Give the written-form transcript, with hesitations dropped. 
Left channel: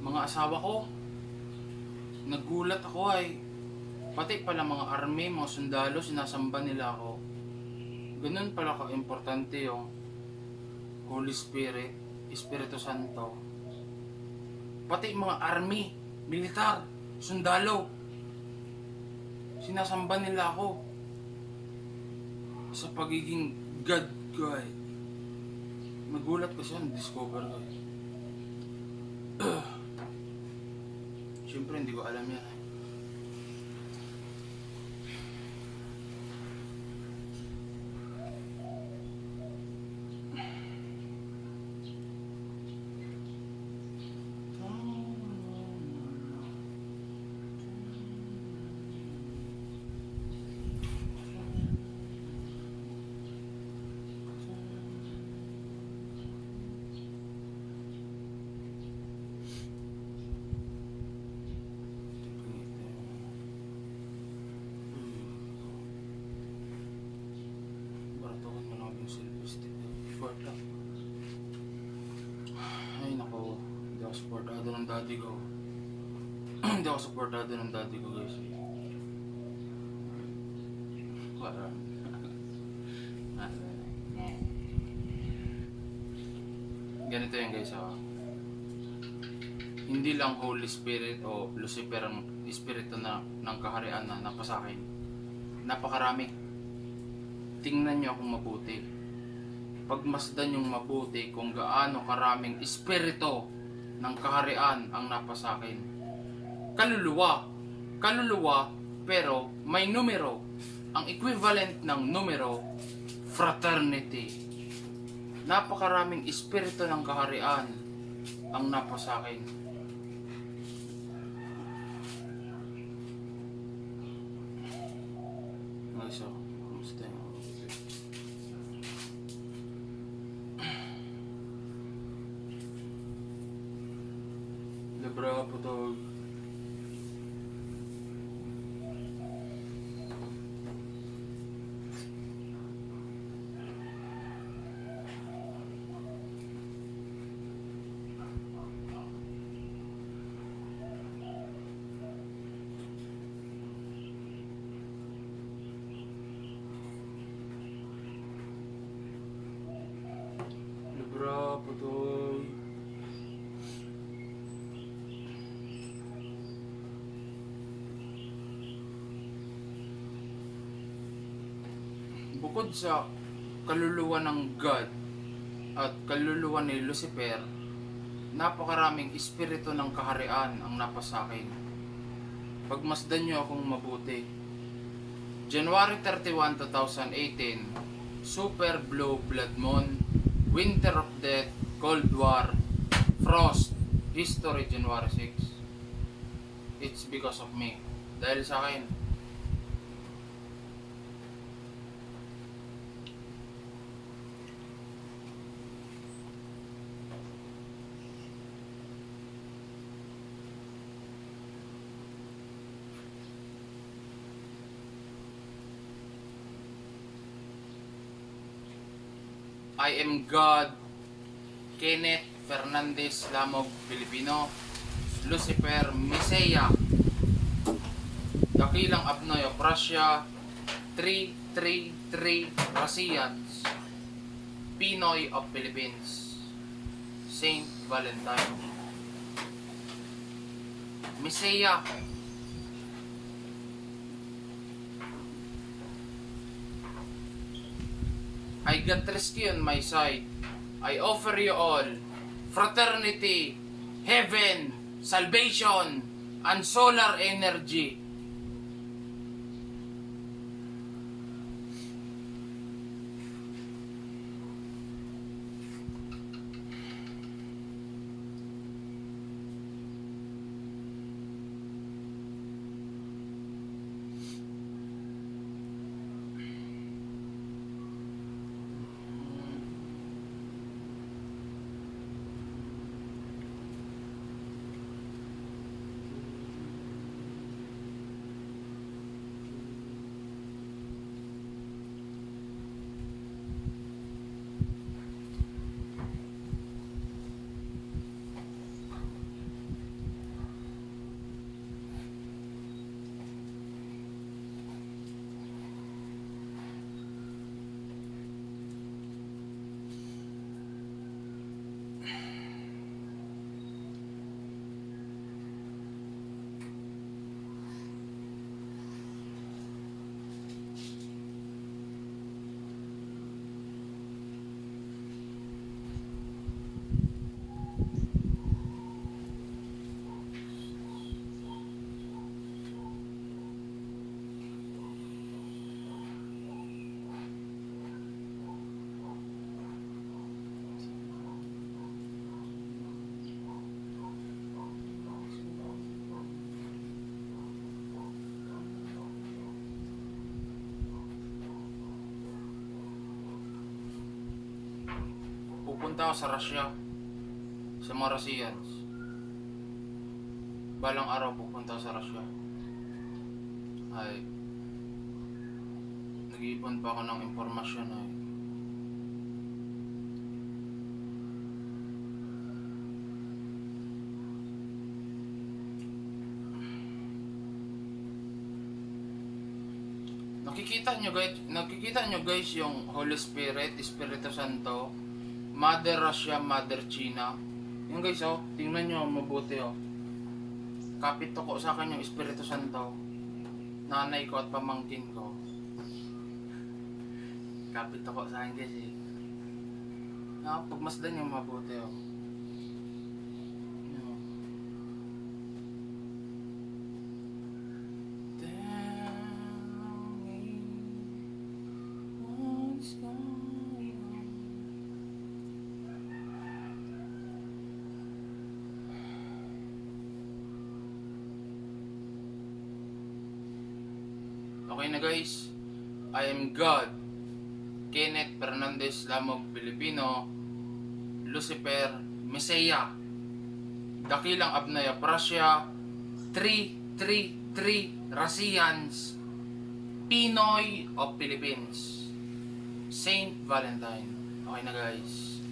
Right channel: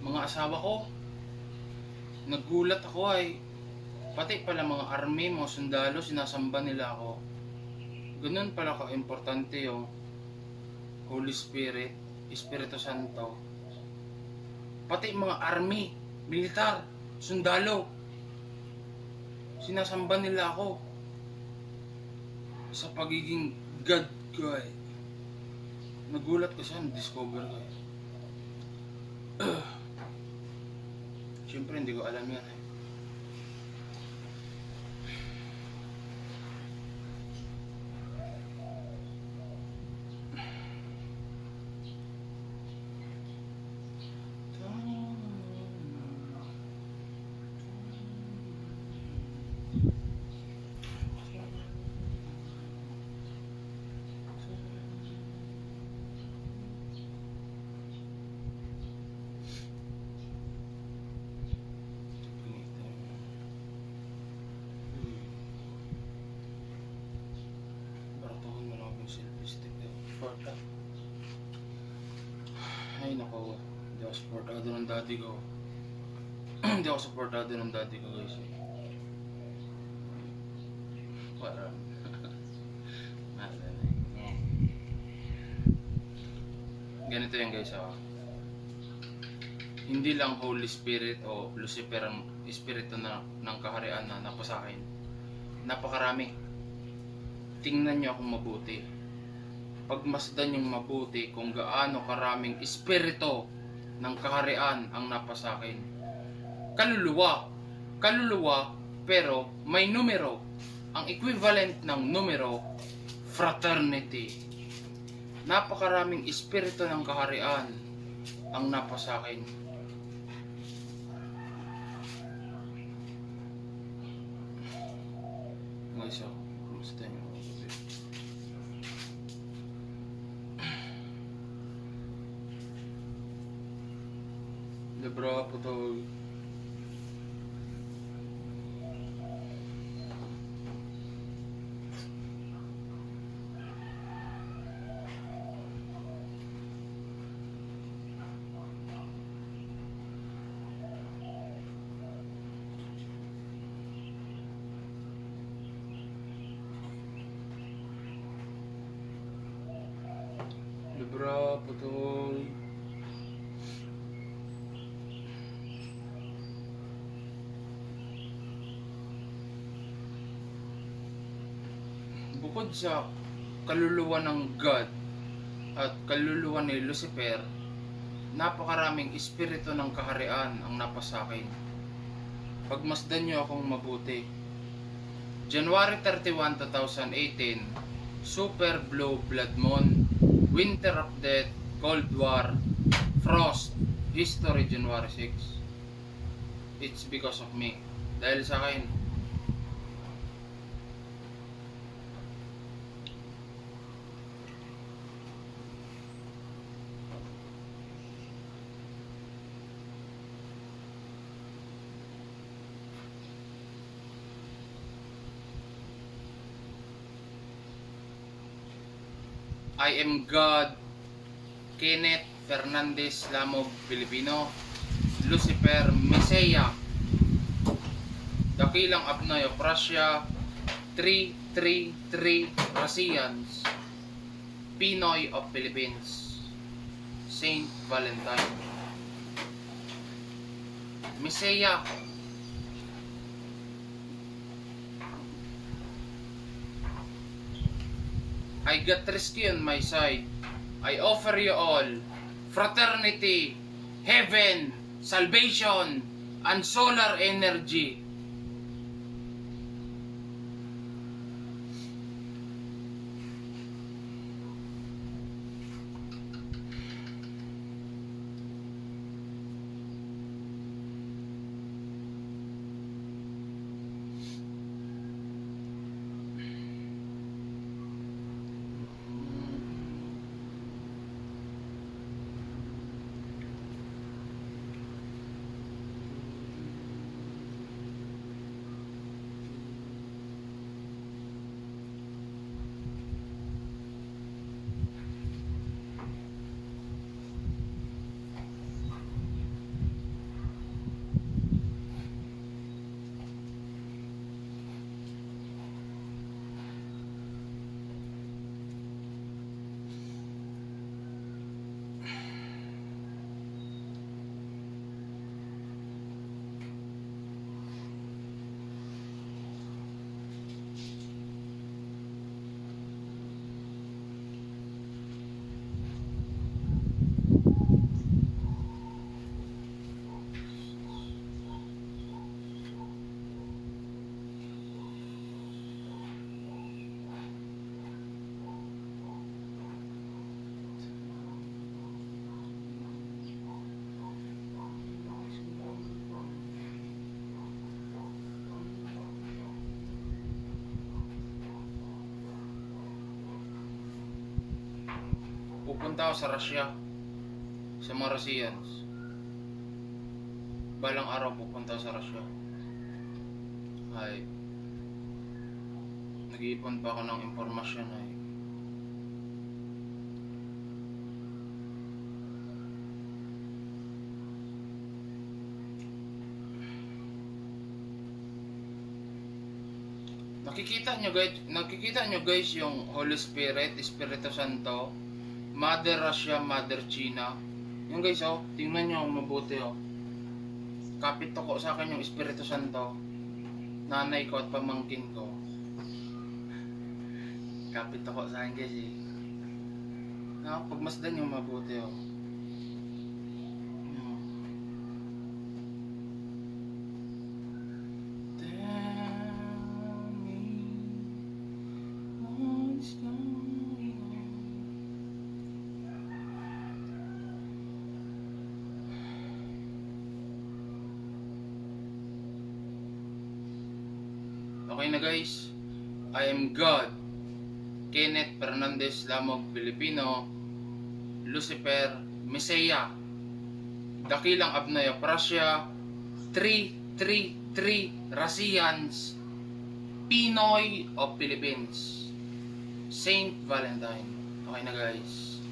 Mga asawa ko, nagulat ako ay pati pala mga army, mga sundalo, sinasamba nila ako. Ganun pala ka-importante yung Holy Spirit, Espiritu Santo. Pati mga army, militar, sundalo, sinasamba nila ako sa pagiging God guy. Nagulat kasi yan, discover ko. Siyempre hindi ko alam yan eh. Ay nako, hindi ako supportado ng daddy ko. Hindi ako supportado ng daddy ko guys. Parang ganito yan guys hindi lang Holy Spirit o Lucifer ang espiritu ng kaharian na napasakin. Napakarami. Tingnan nyo akong mabuti. Pagmasdan yung mabuti kung gaano karaming espiritu ng kaharian ang napasakin. Kaluluwa pero may numero. Ang equivalent ng numero, fraternity. Napakaraming espiritu ng kaharian ang napasakin. Guys, kumusta yun? Lebra po to. Lebra po to. Bukod sa kaluluwa ng God at kaluluwa ni Lucifer, napakaraming espiritu ng kaharian ang napasakin. Pagmasdan nyo akong mabuti. January 31, 2018, Super Blue Blood Moon, Winter of Death, Cold War, Frost, History January 6. It's because of me. Dahil sa akin. I am God, Kenneth Fernandez Lamog Pilipino, Lucifer Messiah, Dakilang Abnoy of Russia, 333 Russians, Pinoy of Philippines, Saint Valentine. Messiah, I got rescue on my side. I offer you all fraternity, heaven, salvation, and solar energy. pupunta ako sa Russia. Sa mga Russians. Balang araw pupunta ako sa Russia. Ay, nag-iipon pa ako ng impormasyon ay. Nakikita nyo guys yung Holy Spirit, Espiritu Santo, Mother Russia, Mother China. Yung guys oh, tingnan nyo mabuti oh. Kapit ko sa akin yung Espiritu Santo. Nanay ko at pamangkin ko. Kapit ko sa akin guys eh. No, pagmasdan nyo mabuti oh. Okay na guys, I am God, Kenneth Fernandez Lamog Pilipino, Lucifer, Messiah, Dakilang Abnaya Prasya, 333 Russians, Pinoy of Philippines, Saint Valentine. Okay na guys.